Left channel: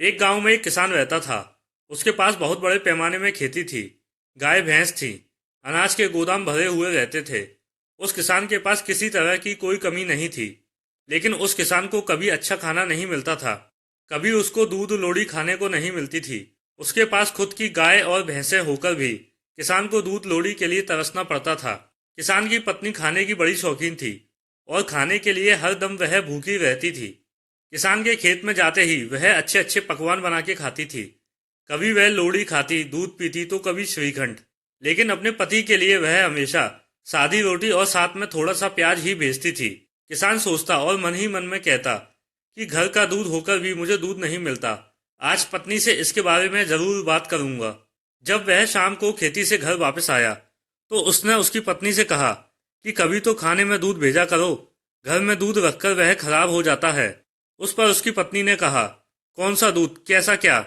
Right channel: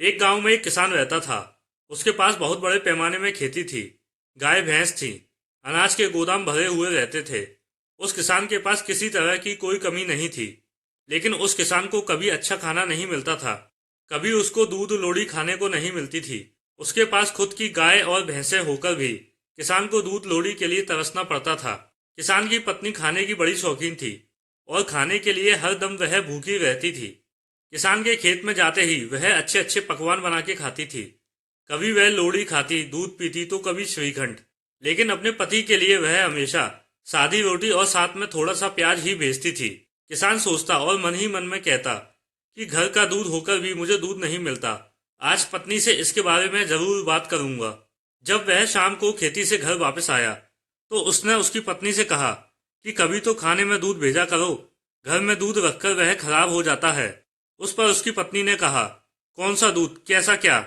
एक गांव में एक किसान रहता था। उसके पास बहुत बड़े पैमाने में खेती थी। गाय भैंस थी। अनाज के गोदाम भरे हुए रहते थे। उस किसान के पास किसी तरह की कोई कमी नहीं थी। लेकिन उस किसान को कभी अच्छा खाना नहीं मिलता था। कभी उसको दूध लोड़ी खाने को नहीं मिलती थी। उसके पास खुद की गाय और भैंसें होकर भी किसान को दूध लोड़ी के लिए तरसना पड़ता था। किसान की पत्नी खाने की बड़ी शौकीन थी और खाने के लिए हर दम वह भूखी रहती थी। किसान के खेत में जाते ही वह अच्छे अच्छे पकवान बना के खाती थी। कभी वह लोड़ी खाती, दूध पीती तो कभी श्रीखंड। लेकिन अपने पति के लिए वह हमेशा सादी रोटी और साथ में थोड़ा सा प्याज ही भेजती थी। किसान सोचता और मन ही मन में कहता कि घर का दूध होकर भी मुझे दूध नहीं मिलता। आज पत्नी से इसके बारे में जरूर बात करूंगा। जब वह शाम को खेती से घर वापस आया तो उसने उसकी पत्नी से कहा कि कभी तो खाने में दूध भेजा करो। घर में दूध रखकर वह खराब हो जाता है। उस पर उसकी पत्नी ने कहा, कौन सा दूध, कैसा, क्या?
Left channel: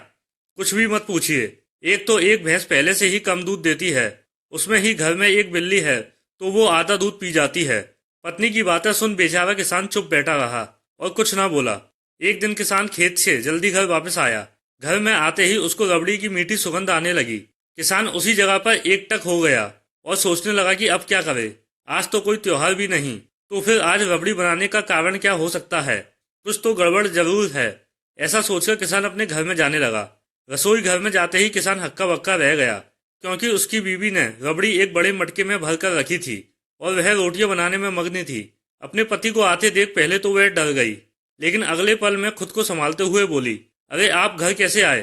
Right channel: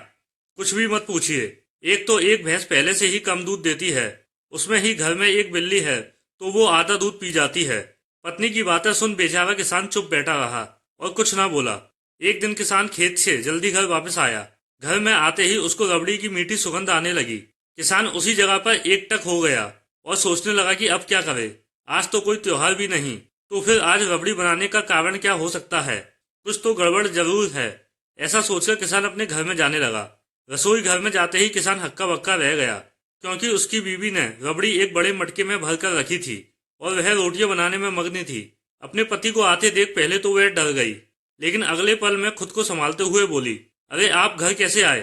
कुछ भी मत पूछिए। एक तो एक भैंस पहले से ही कम दूध देती है। उसमें ही घर में एक बिल्ली है तो वो आधा दूध पी जाती है। पत्नी की बातें सुन बेचारा किसान चुप बैठा रहा और कुछ ना बोला। एक दिन किसान खेत से जल्दी घर वापस आया। घर में आते ही उसको रबड़ी की मीठी सुगंध आने लगी। किसान उसी जगह पर एकटक हो गया और सोचने लगा कि अब क्या करे। आज तो कोई त्योहार भी नहीं, तो फिर आज रबड़ी बनाने का कारण क्या हो सकता है? कुछ तो गड़बड़ जरूर है। ऐसा सोचकर किसान अपने घर में जाने लगा। रसोई घर में जाते ही किसान हक्का बक्का रह गया, क्योंकि उसकी बीवी ने रबड़ी एक बड़े मटके में भरकर रखी थी और वह रोटियां बनाने में मग्न थी। अपने पति को आते देख पहले तो वह डर गई, लेकिन अगले पल में खुद को संभालते हुए बोली, अरे आप घर कैसे आए?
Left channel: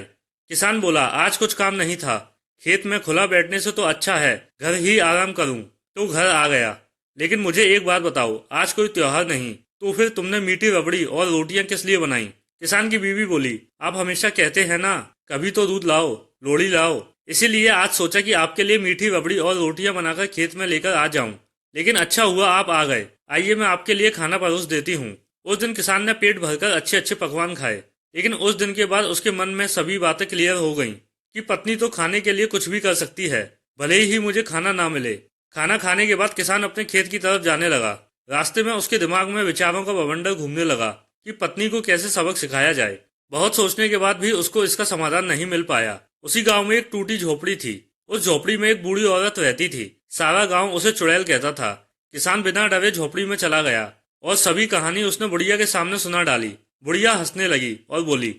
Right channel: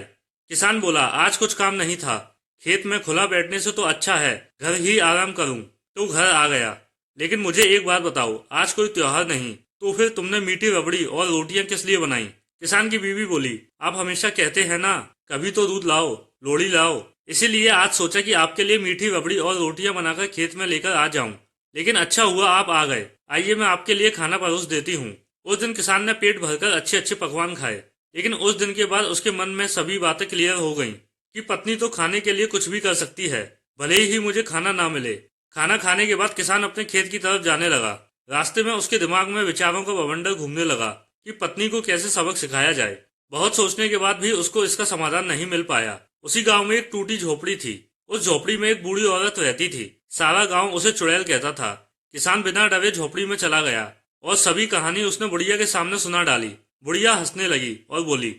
किसान बोला, आज कुछ काम नहीं था। खेत में खुला बैठने से तो अच्छा है घर ही आराम करूं, तो घर आ गया। लेकिन मुझे एक बात बताओ, आज कोई त्योहार नहीं, तो फिर तुमने मीठी रबड़ी और रोटियां किस लिए बनाई? किसान की बीवी बोली, आप हमेशा कहते हैं ना, कभी तो दूध लाओ, लोड़ी लाओ। इसीलिए आज सोचा कि आपके लिए मीठी रबड़ी और रोटियां बनाकर खेत में लेकर आ जाऊं। लेकिन अच्छा हुआ आप आ गए। आइए मैं आपके लिए खाना परोस देती हूँ। उस दिन किसान ने पेट भरकर अच्छे अच्छे पकवान खाए। लेकिन उस दिन के बाद उसके मन में सभी बातें क्लियर हो गईं कि पत्नी तो खाने के लिए कुछ भी कर सकती है, भले ही मुझे खाना ना मिले। खाना खाने के बाद किसान अपने खेत की तरफ जाने लगा। रास्ते में उसके दिमाग में विचारों का बवंडर घूमने लगा कि पत्नी को कैसे सबक सिखाया जाए। बहुत सोचने के बाद भी उसको इसका समाधान नहीं मिल पाया। उसी गांव में एक टूटी झोपड़ी थी। उस झोपड़ी में एक बूढ़ी औरत रहती थी। सारा गांव उसे चुड़ैल कहता था। किसान बिना डरे झोपड़ी में चला गया और सभी कहानी उसने बुढ़िया के सामने सुना डाली। बुढ़िया हंसने लगी और बोली,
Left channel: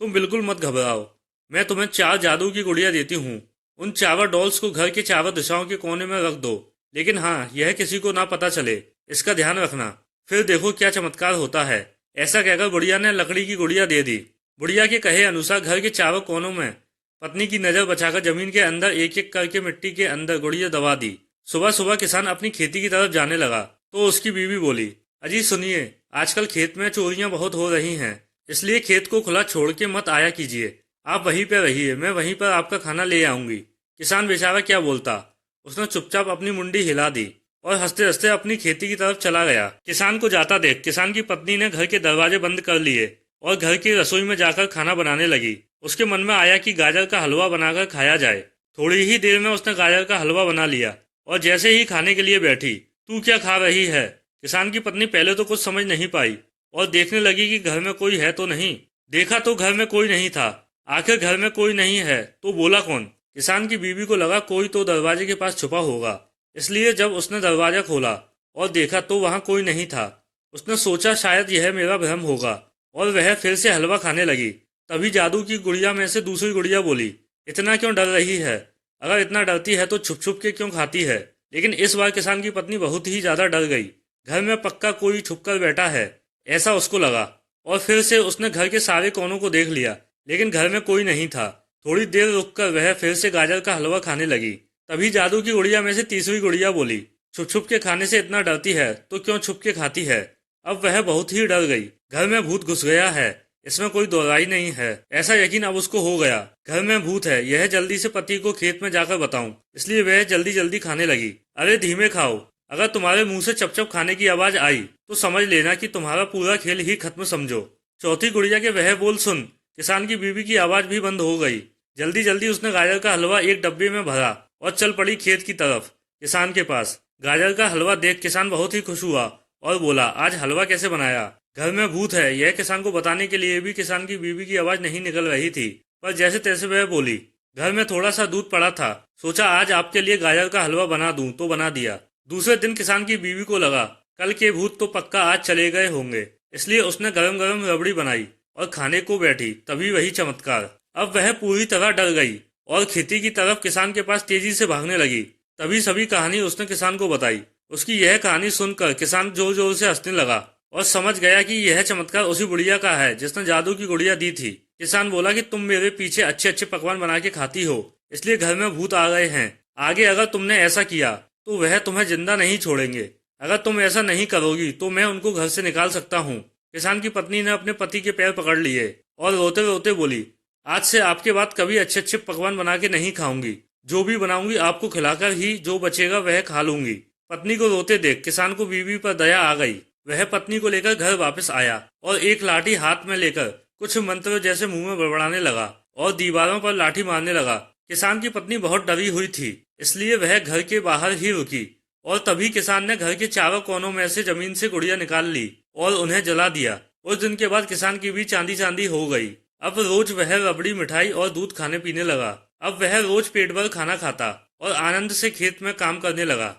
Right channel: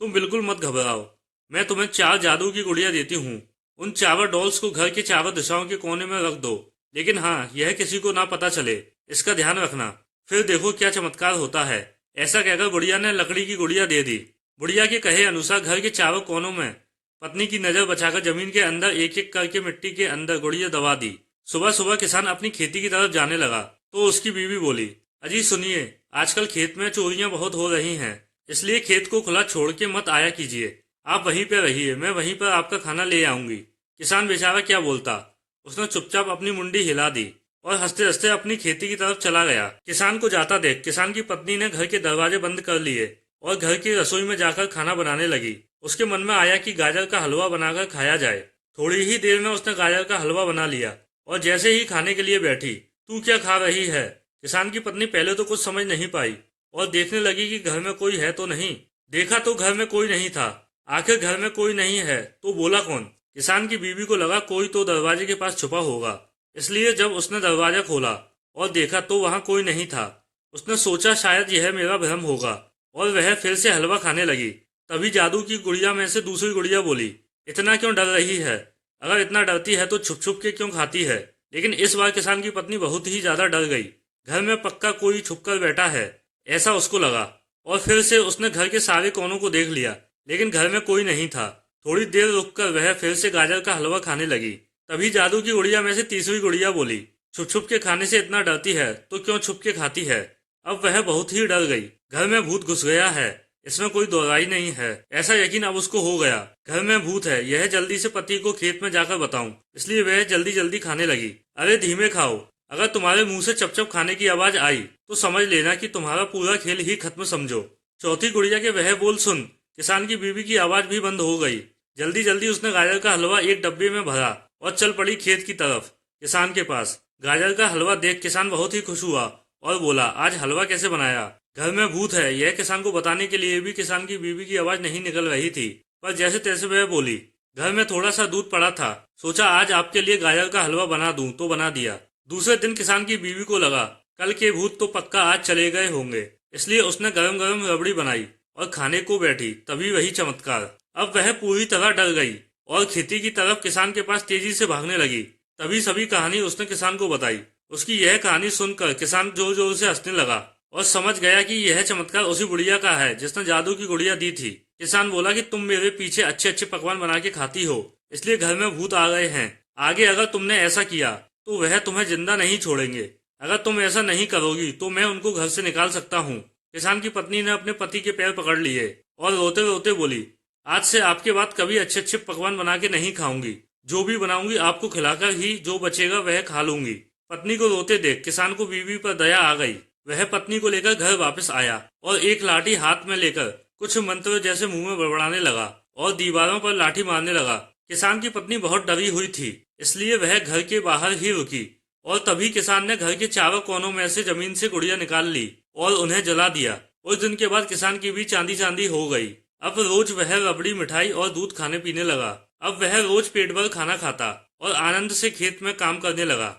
तुम बिल्कुल मत घबराओ, मैं तुम्हें 4 जादू की गुड़िया देती हूँ। उन चारों डॉल्स को घर के चारों दिशाओं के कोने में रख दो, लेकिन हाँ, यह किसी को ना पता चले, इसका ध्यान रखना। फिर देखो क्या चमत्कार होता है। ऐसा कहकर बुढ़िया ने लकड़ी की गुड़िया दे दी। बुढ़िया के कहे अनुसार घर के चारों कोनों में पत्नी की नजर बचाकर जमीन के अंदर एक एक करके मिट्टी के अंदर गुड़िया दबा दी। सुबह सुबह किसान अपनी खेती की तरफ जाने लगा तो उसकी बीवी बोली, अजी सुनिए, आजकल खेत में चोरियां बहुत हो रही हैं, इसलिए खेत को खुला छोड़ के मत आया कीजिए। आप वहीं पर रहिए, मैं वहीं पर आपका खाना ले आऊंगी। किसान बेचारा क्या बोलता। उसने चुपचाप अपनी मुंडी हिला दी और हंसते हंसते अपनी खेती की तरफ चला गया। किसान को जाता देख किसान की पत्नी ने घर के दरवाजे बंद कर लिए और घर की रसोई में जाकर खाना बनाने लगी। उसके मन में आया कि गाजर का हलवा बनाकर खाया जाए। थोड़ी ही देर में उसने गाजर का हलवा बना लिया और जैसे ही खाने के लिए बैठी, तू क्या खा रही है? किसान की पत्नी पहले तो कुछ समझ नहीं पाई और देखने लगी कि घर में कोई है तो नहीं। देखा तो घर में कोई नहीं था। आखिर घर में कोई नहीं है तो बोला कौन? किसान की बीवी को लगा कोई तो दरवाजे के पास छुपा होगा, इसलिए जब उसने दरवाजा खोला और देखा तो वहां कोई नहीं था। उसने सोचा शायद यह मेरा भ्रम होगा और वह फिर से हलवा खाने लगी। तभी जादू की गुड़िया में से दूसरी गुड़िया बोली, इतना क्यों डर रही है? अगर इतना डरती है तो छुप छुप के क्यों खाती है? लेकिन इस बार किसान की पत्नी बहुत ही ज्यादा डर गई। घर में पक्का कोई छुपकर बैठा है, ऐसा उसको लगा और फिर से उसने घर के सारे कोनों को देख लिया, लेकिन घर में कोई नहीं था। थोड़ी देर रुककर वह फिर से गाजर का हलवा खाने लगी। तभी जादू की गुड़िया में से तीसरी गुड़िया बोली, छुप छुप के खाने से इतना डरती है तो क्यों छुप के खाती है? अब वह बहुत ही डर गई। घर में भूत घुस गया है, इसमें कोई दोहराई नहीं है। ऐसा यकीन अब उसको हो गया, घर में भूत है, यह जल्दी से पति को खेत में जाकर बताऊं। इसलिए वह जल्दी जल्दी खाने लगी। अरे धीमे खाओ, अगर तुम्हारे मुंह से चप चप खाने की आवाज आई तो समझ लेना कि तुम्हारा पूरा खेल ही खत्म समझो। चौथी गुड़िया के वह बोल सुन किसान की बीवी की आवाज भी बंद हो गई। जल्दी जल्दी उसने गाजर का हलवा एक डब्बे में भरा और चल पड़ी खेत की तरफ, किसान के पास। गाजर का हलवा देख किसान बहुत ही खुश हुआ और बोला, आज हलवा कैसे बनाया? घर में भूत है, यह किसान को बताने के लिए भी किसान की बीवी की आवाज नहीं निकल रही थी, पर जैसे तैसे वह बोली। घर में थोड़ा सा दूध पड़ा था, सोचा आज आपके लिए गाजर का हलवा बना दूं, तो बना दिया। दूसरे दिन किसान की बीवी को लगा कल के भूत तो पक्का आज चले गए होंगे, इसलिए उसने गरम गरम रबड़ी बनाई और खाने को बैठी। तभी वही चमत्कार, अब वह पूरी तरह डर गई और खेती की तरफ किसान के पास तेजी से भागने लगी। तभी सभी कहानी उसने किसान को बताई। उसकी यह कहानी सुनकर किसान जोर जोर से हंसने लगा और समझ गया कि यह चमत्कार उसी बुढ़िया का है जिसने जादू की गुड़िया दी थी। किसान बोला कि तुम मेरे पीछे अच्छे अच्छे पकवान बना के खाती हो, इसलिए घर में भूत आ गए हैं। आगे अगर तुमने ऐसा किया तो वह तुम्हें जिंदा नहीं छोड़ेंगे। अगर तुम ऐसा नहीं करोगी तो मैं उनको घर से निकाल सकता हूँ। किसान की पत्नी ने अपने पति के पैर पकड़ लिए और रोते रोते बोली, आज से आपके बाद कभी अच्छे अच्छे पकवान बना के नहीं खाऊंगी। जो भी बनाऊंगी आपको खिलाकर ही, जो बचेगा वह खा लूंगी। पत्नी को रोते देख किसान को बीवी पर दया आ गई। वह पत्नी को लेकर घर वापस आया और एक लाठी हाथ में लेकर कुछ मंत्र जैसे मुंह में बड़बड़ाने लगा और दीवारों पर लाठी मारने लगा। किसान की पत्नी बहुत डरी हुई थी, इसलिए वह घर के बाहर ही रुकी और तभी किसान ने घर के चारों कोनों में से जमीन से गुड़िया निकाल ली और उन्हें जला दिया। उस दिन के बाद किसान की भी चांदी चांदी हो गई। अब रोज वह रबड़ी, मिठाई और दूध खाने पीने लगा। अब वह रोज पेट भर खाना खाता और आनंद से खेत में काम करने लगा।